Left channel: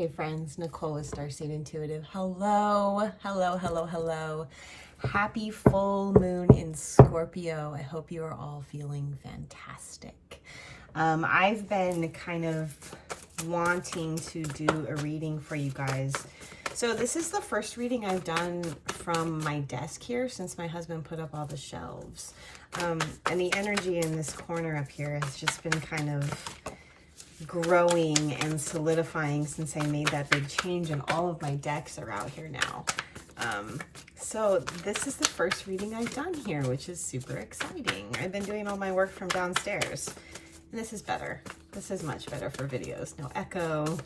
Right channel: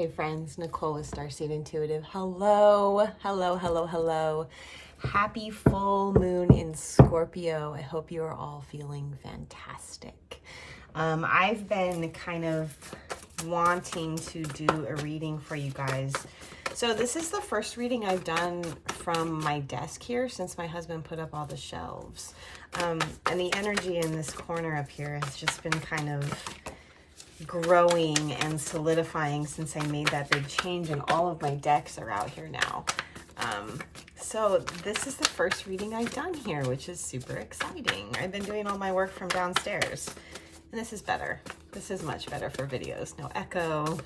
Hey friends, Nichole with Starseed Intuitive. Hello, hello, hello, hello. Happy full moon in Scorpio. I hope you are all feeling fantastic. I've been kind of wanting to do a reading for you guys. So this is the first reading I've done from my desk here since my husband put up all the shelves. And the energy in this corner up here has just been kind of growing and solidifying since I made that big change, and all of my decks are out here now. So this is the first reading I've done here, which is super exciting. I've been doing all my work from downstairs, and this is better. This is much better for videos. No echo,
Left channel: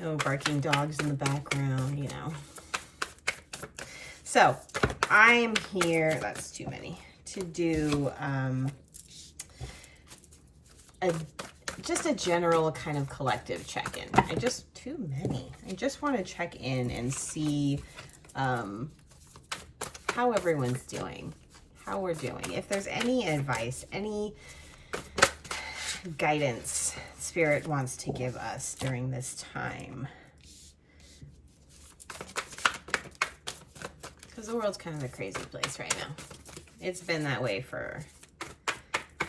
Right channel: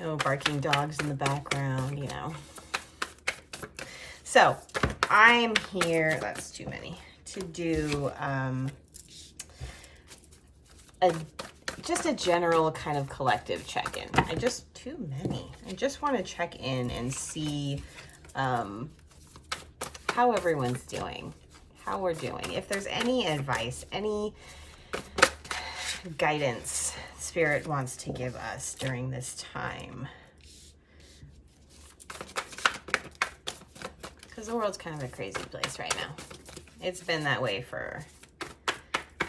no barking dogs in the background, you know. So I'm here, that's too many, to do just a general kind of collective check-in. Too many. I just want to check in and see how everyone's doing, how we're doing. If there's any advice, any guidance Spirit wants to give us during this time. Because the world's kind of a crazy place right now. It's been that way for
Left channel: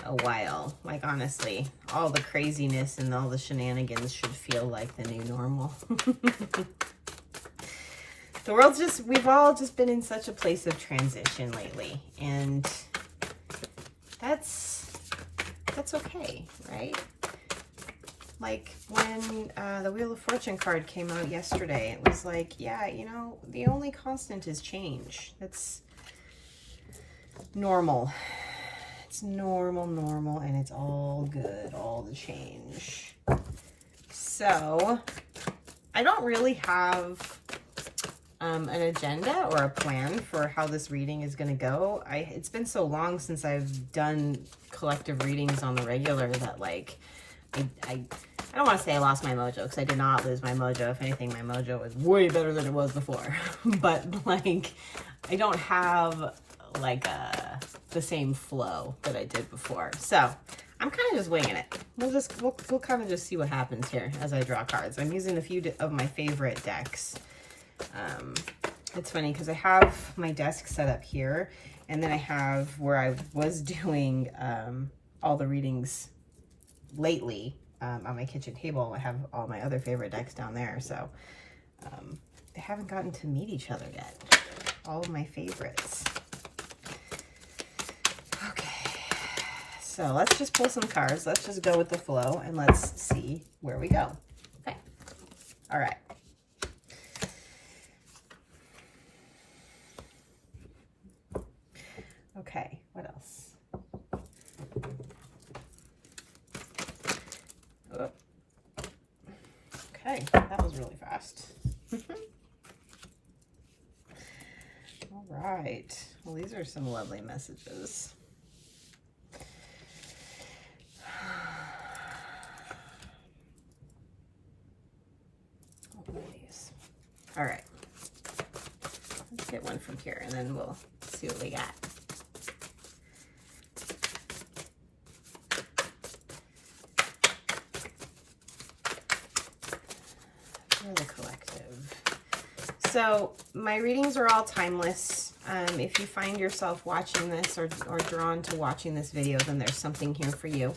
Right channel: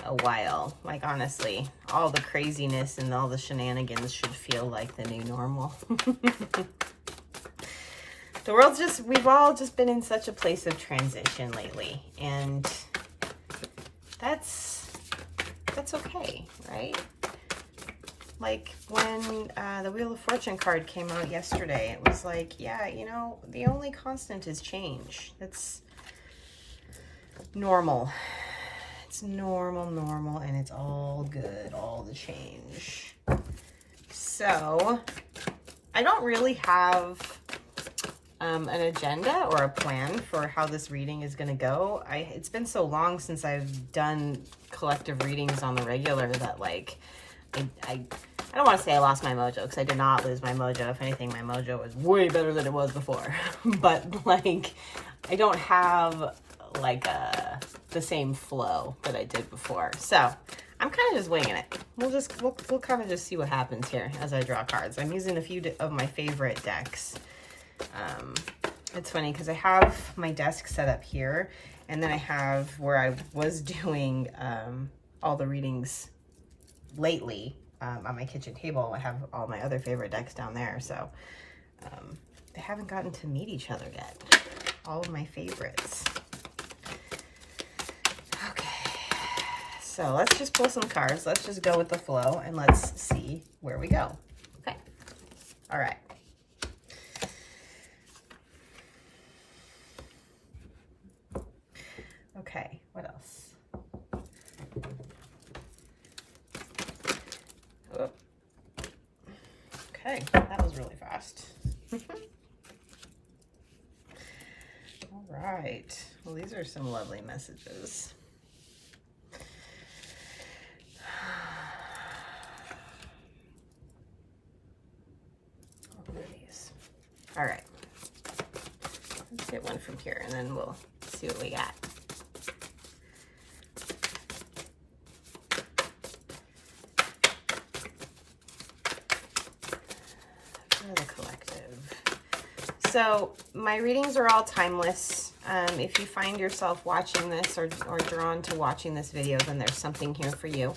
a while. Like, honestly, all the craziness and all the shenanigans should feel like the new normal. The world's just, we've all just been in such a place of transition lately, and that's okay, right? Like when the Wheel of Fortune card came out yesterday, it was like, yeah, you know, the only constant is change. That's normal. It's normal, and it's all good, all the change. So I don't really have an agenda or a plan for how this reading is going to go. It's been so long since I've done collective readings on the regular that, like, I don't want to say I lost my mojo, because I did not lose my mojo. If anything, my mojo was way better than it was before. But, like, I don't have like the same flow that I did before. So I'm kind of just winging it. We'll kind of just see what happens here as I draw cards. I'm using a few of my favorite decks. It's funny because I have my desk set up here, and then I have where I was doing all the readings lately on my kitchen table. I have all my other favorite decks down there. So they haven't gotten to meet each other yet. All of my favorites. So let's just pull some cards. Let's just go with the flow, and let's see where we go. Okay. All right. Okay, what else? Oh. Okay, that was really fast. All right. Well, these are some lovely messages. All right, let's get one from here, and then we'll see what we got. For the collective. So my readings are all timeless. If you find yourself watching this or drawn to watching this video, then there's something here for you.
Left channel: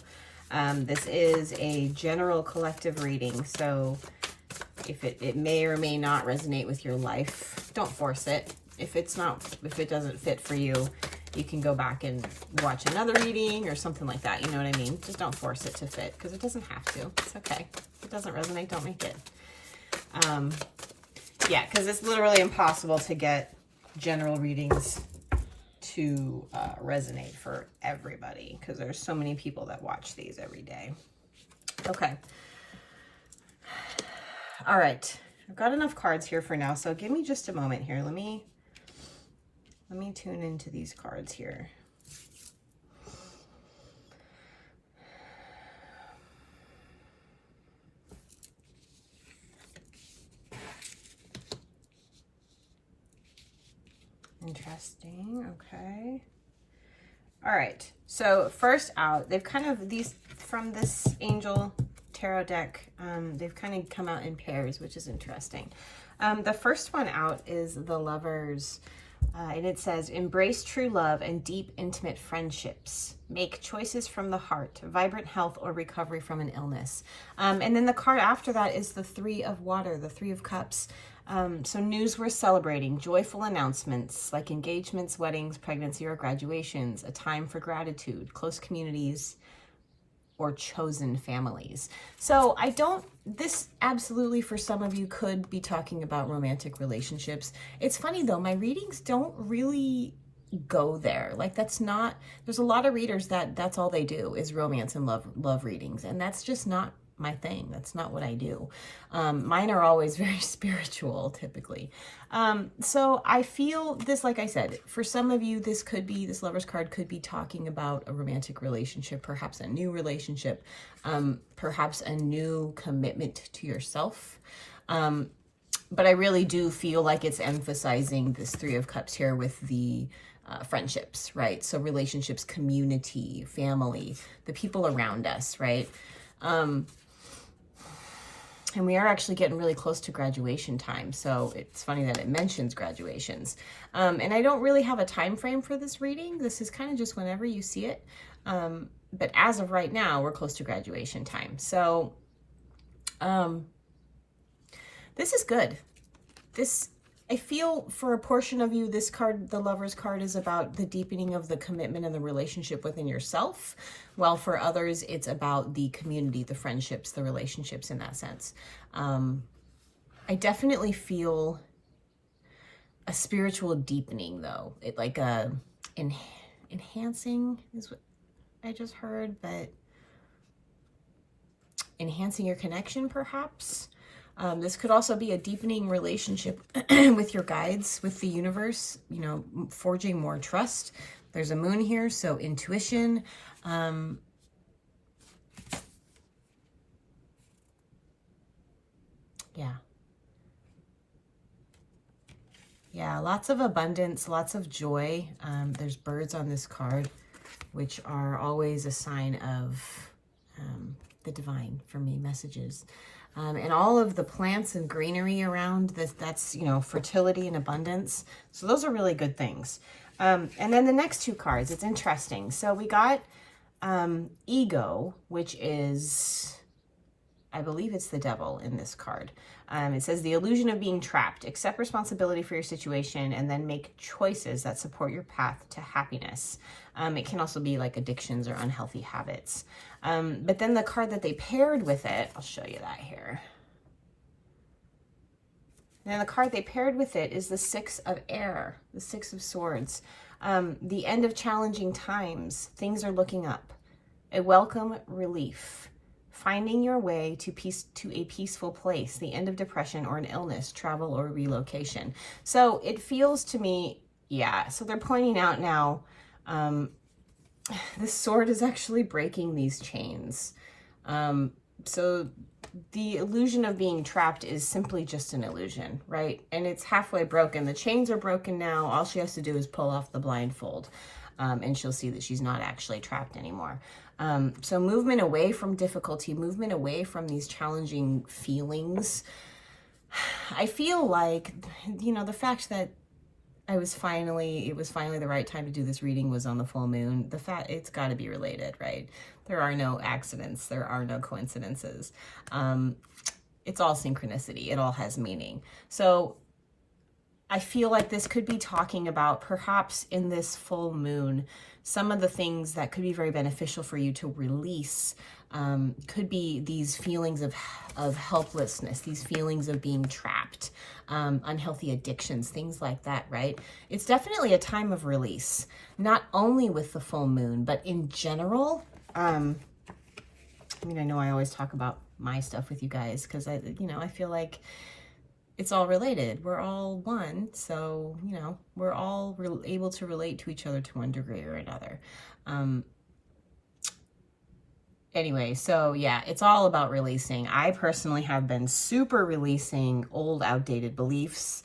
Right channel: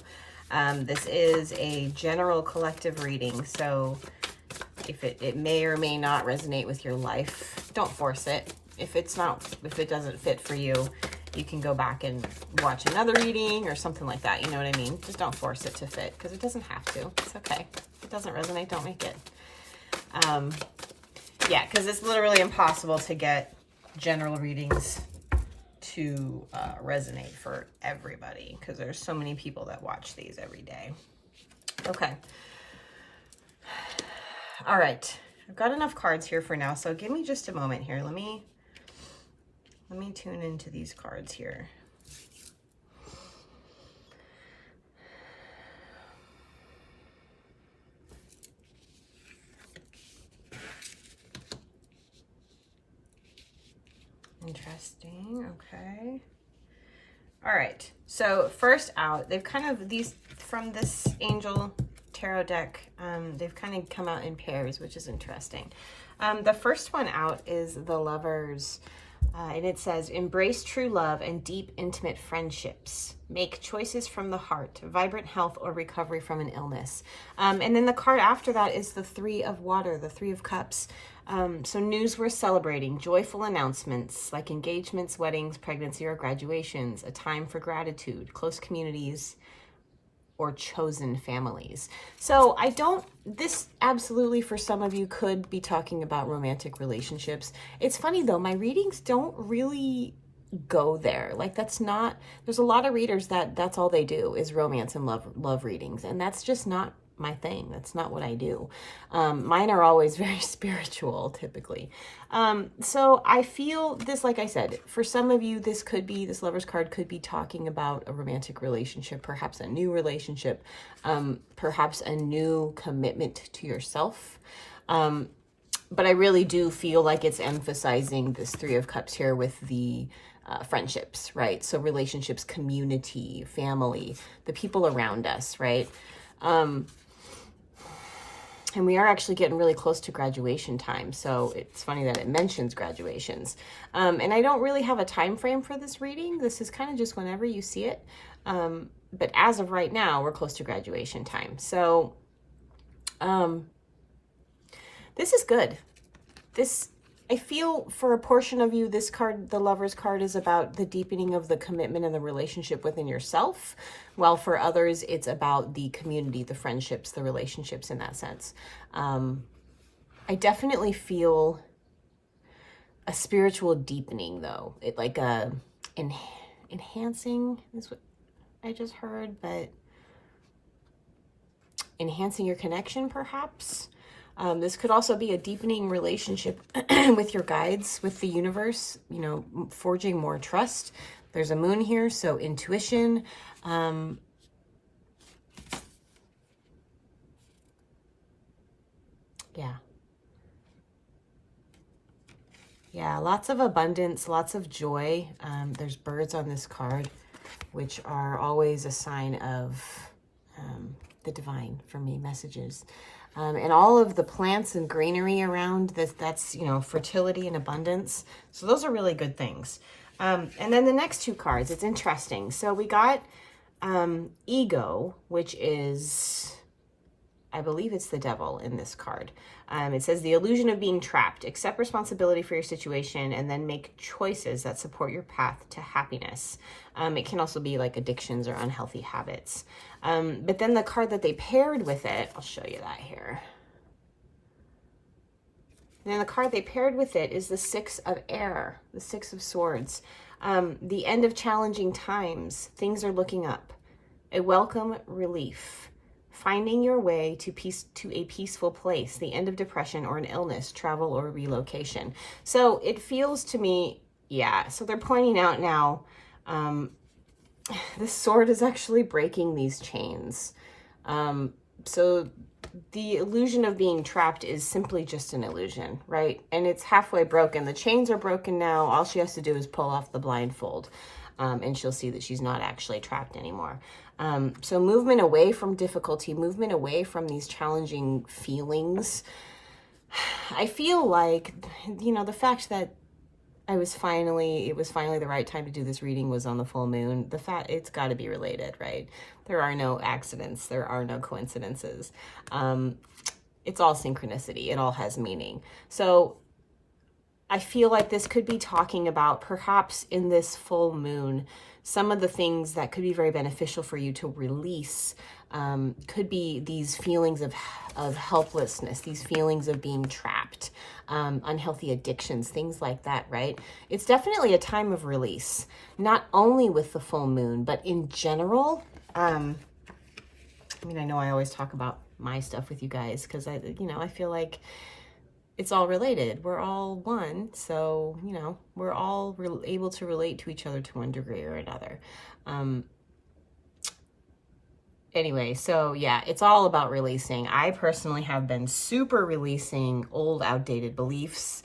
This is a general collective reading, so if it may or may not resonate with your life, don't force it. If it doesn't fit for you, you can go back and watch another reading or something like that. You know what I mean? Just don't force it to fit, because it doesn't have to. It's okay. If it doesn't resonate, don't make it. Yeah, because it's literally impossible to get general readings to resonate for everybody, because there's so many people that watch these every day. Okay. All right, I've got enough cards here for now, so give me just a moment here. Let me tune into these cards here. Interesting, okay. All right, so first out, they've kind of, these, from this angel, tarot deck. They've kind of come out in pairs, which is interesting. The first one out is the Lovers, and it says, embrace true love and deep, intimate friendships. Make choices from the heart, vibrant health or recovery from an illness. And then the card after that is the Three of Water, the Three of Cups. So news worth celebrating, joyful announcements like engagements, weddings, pregnancy, or graduations, a time for gratitude, close communities, or chosen families. So this absolutely for some of you could be talking about romantic relationships. It's funny though, my readings don't really go there. Like there's a lot of readers that's all they do is romance and love readings. And that's just not my thing. That's not what I do. Mine are always very spiritual typically. So I feel this, like I said, for some of you, this Lover's card could be talking about a romantic relationship, perhaps a new relationship, perhaps a new commitment to yourself. But I really do feel like it's emphasizing this Three of Cups here with the friendships, right? So relationships, community, family, the people around us, right? And we are actually getting really close to graduation time. So it's funny that it mentions graduations. And I don't really have a time frame for this reading. This is kind of just whenever you see it. But as of right now, we're close to graduation time. So this is good. I feel for a portion of you, this card, the Lover's card, is about the deepening of the commitment and the relationship within yourself. While for others, it's about the community, the friendships, the relationships in that sense. I definitely feel a spiritual deepening though. It like enhancing is what I just heard, but enhancing your connection perhaps. This could also be a deepening relationship with your guides, with the universe, forging more trust. There's a moon here, so intuition. Yeah, lots of abundance, lots of joy. There's birds on this card, which are always a sign of the divine for me, messages. And all of the plants and greenery around that's fertility and abundance. So those are really good things. And then the next two cards, it's interesting. So we got Ego, which is, I believe it's the devil in this card. It says the illusion of being trapped. Accept responsibility for your situation and then make choices that support your path to happiness. It can also be like addictions or unhealthy habits. But then the card that they paired with it, I'll show you that here. And then the card they paired with it is the Six of Air, the Six of Swords. The end of challenging times. Things are looking up. A welcome relief. Finding your way to a peaceful place. The end of depression or an illness, travel or relocation. So it feels to me, yeah. So they're pointing out now, this sword is actually breaking these chains. So the illusion of being trapped is simply just an illusion, right? And it's halfway broken. The chains are broken now. All she has to do is pull off the blindfold, and she'll see that she's not actually trapped anymore. So movement away from difficulty, movement away from these challenging feelings. I feel like, the fact that it was finally the right time to do this reading was on the full moon. It's got to be related, right? There are no accidents. There are no coincidences. It's all synchronicity. It all has meaning. So I feel like this could be talking about perhaps in this full moon, some of the things that could be very beneficial for you to release could be these feelings of helplessness, these feelings of being trapped, unhealthy addictions, things like that, right? It's definitely a time of release, not only with the full moon, but in general. I know I always talk about my stuff with you guys because I feel like it's all related. We're all one. So, we're all able to relate to each other to one degree or another. Anyway, so yeah, it's all about releasing. I personally have been super releasing old, outdated beliefs,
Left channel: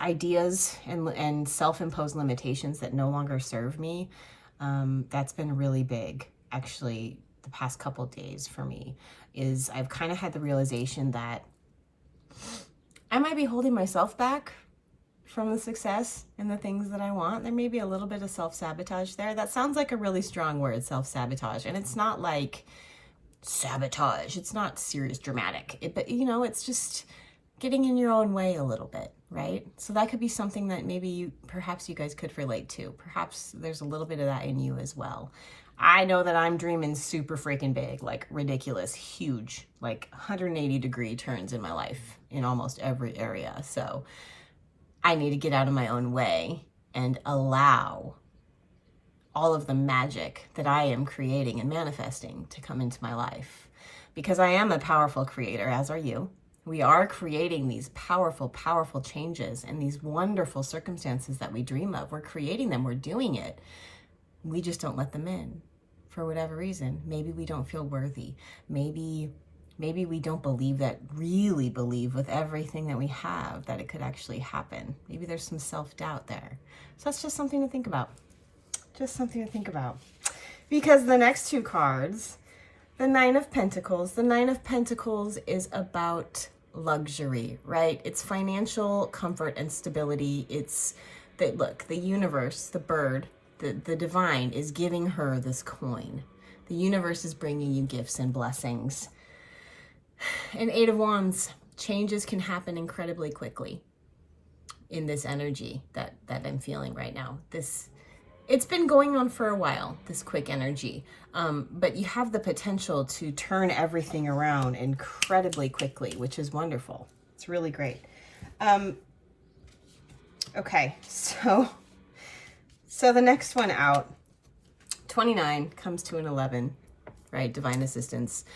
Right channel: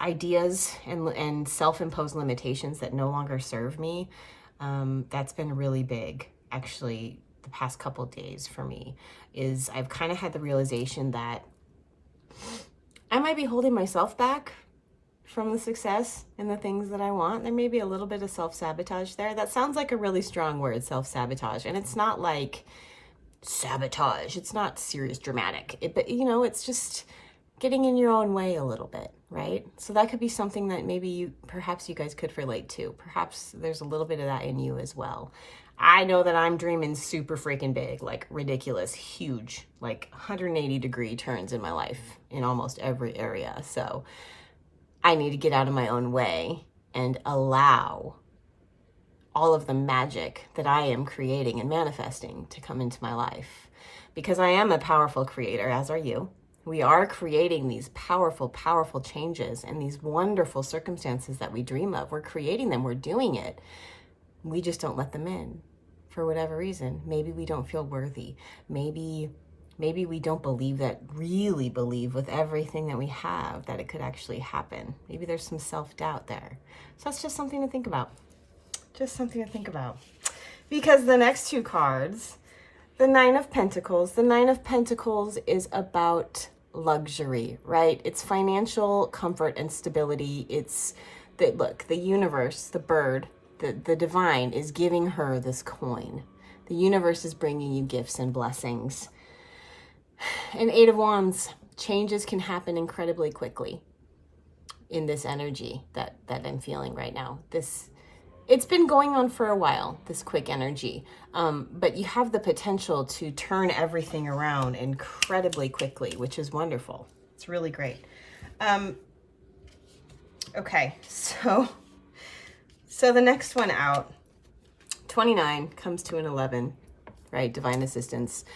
ideas, and self-imposed limitations that no longer serve me. That's been really big. Actually, the past couple of days for me is I've kind of had the realization that I might be holding myself back from the success and the things that I want. There may be a little bit of self-sabotage there. That sounds like a really strong word, self-sabotage. And it's not like sabotage. It's not serious, dramatic. But, you know, it's just getting in your own way a little bit, right? So that could be something that maybe perhaps you guys could relate to. Perhaps there's a little bit of that in you as well. I know that I'm dreaming super freaking big, like ridiculous, huge, like 180-degree turns in my life in almost every area. So I need to get out of my own way and allow all of the magic that I am creating and manifesting to come into my life. Because I am a powerful creator, as are you. We are creating these powerful, powerful changes and these wonderful circumstances that we dream of. We're creating them. We're doing it. We just don't let them in for whatever reason. Maybe we don't feel worthy. Maybe we don't really believe with everything that we have that it could actually happen. Maybe there's some self-doubt there. So that's just something to think about. Just something to think about. Because the next two cards, the Nine of Pentacles. The Nine of Pentacles is about luxury, right? It's financial comfort and stability. It's that, look, the universe, the bird, the divine is giving her this coin. The universe is bringing you gifts and blessings. And Eight of Wands, changes can happen incredibly quickly in this energy that I'm feeling right now. It's been going on for a while, this quick energy, but you have the potential to turn everything around incredibly quickly, which is wonderful. It's really great. Okay, so the next one out, 29 comes to an 11, right? Divine assistance.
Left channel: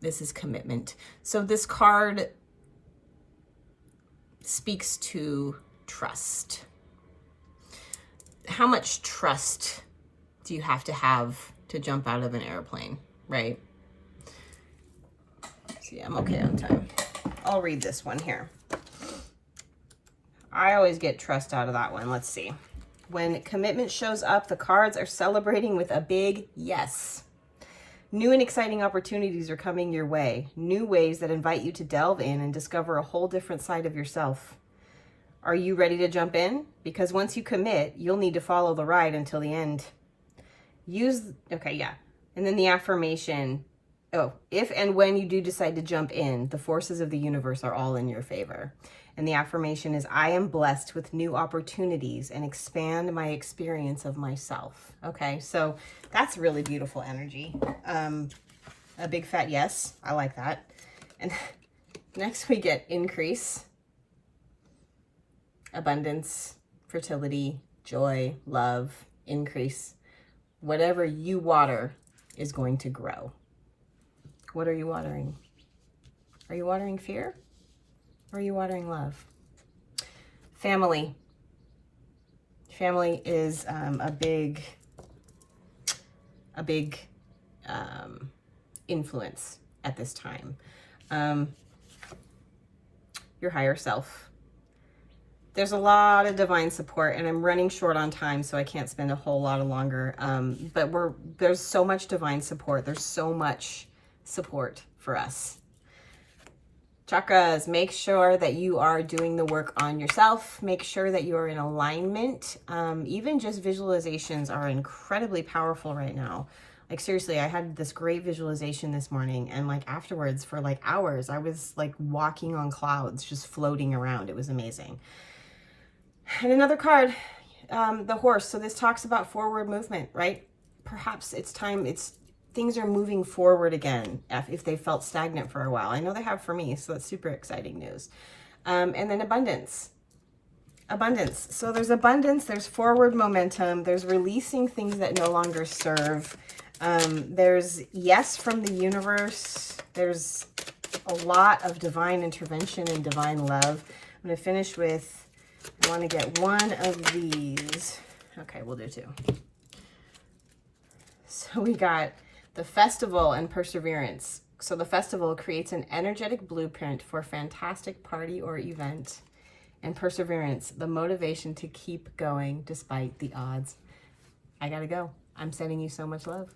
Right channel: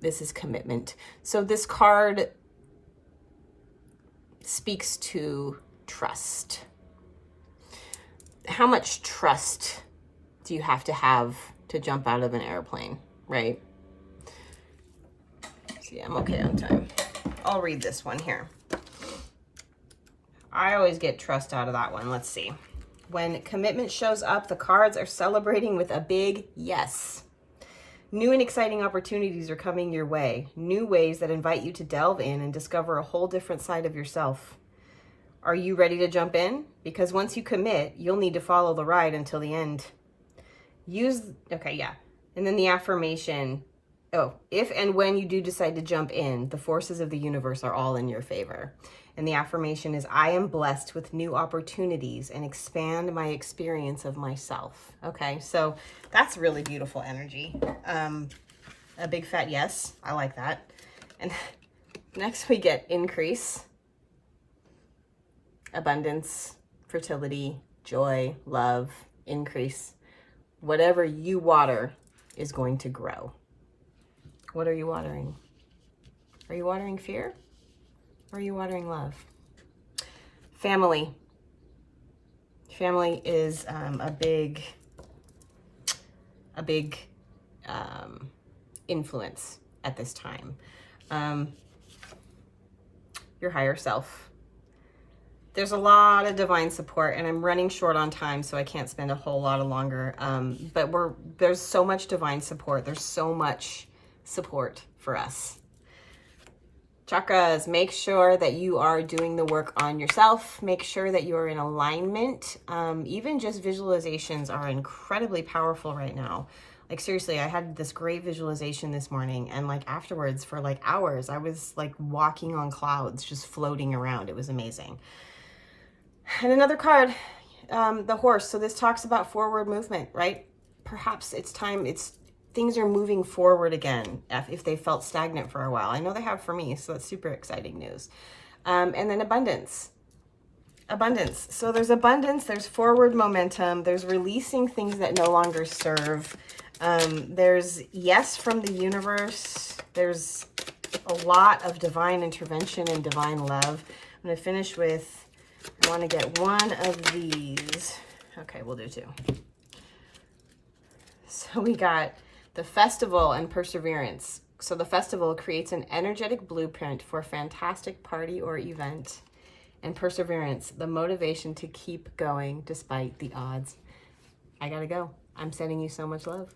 This is commitment. So this card speaks to trust. How much trust do you have to jump out of an airplane, right? See, I'm okay on time. I'll read this one here. I always get trust out of that one. Let's see. When commitment shows up, the cards are celebrating with a big yes. New and exciting opportunities are coming your way. New ways that invite you to delve in and discover a whole different side of yourself. Are you ready to jump in? Because once you commit, you'll need to follow the ride until the end. And then the affirmation, if and when you do decide to jump in, the forces of the universe are all in your favor. And the affirmation is, I am blessed with new opportunities and expand my experience of myself. Okay, so that's really beautiful energy. A big fat yes, I like that. And next we get increase, abundance, fertility, joy, love, increase. Whatever you water is going to grow. What are you watering? Are you watering fear? Or are you watering love? Family. Family is a big influence at this time. Your higher self. There's a lot of divine support, and I'm running short on time, so I can't spend a whole lot longer. But there's so much divine support. There's so much support for us. Chakras, make sure that you are doing the work on yourself. Make sure that you are in alignment. Even just visualizations are incredibly powerful right now. Like seriously, I had this great visualization this morning, and like afterwards for like hours, I was like walking on clouds, just floating around. It was amazing. And another card, the horse. So this talks about forward movement, right? Perhaps it's time, things are moving forward again if they felt stagnant for a while. I know they have for me, so that's super exciting news. And then abundance. Abundance. So there's abundance, there's forward momentum, there's releasing things that no longer serve. There's yes from the universe. There's a lot of divine intervention and divine love. I'm going to finish with, I want to get one of these. Okay, we'll do two. So we got the festival and perseverance. So the festival creates an energetic blueprint for a fantastic party or event. And perseverance, the motivation to keep going despite the odds. I gotta go. I'm sending you so much love.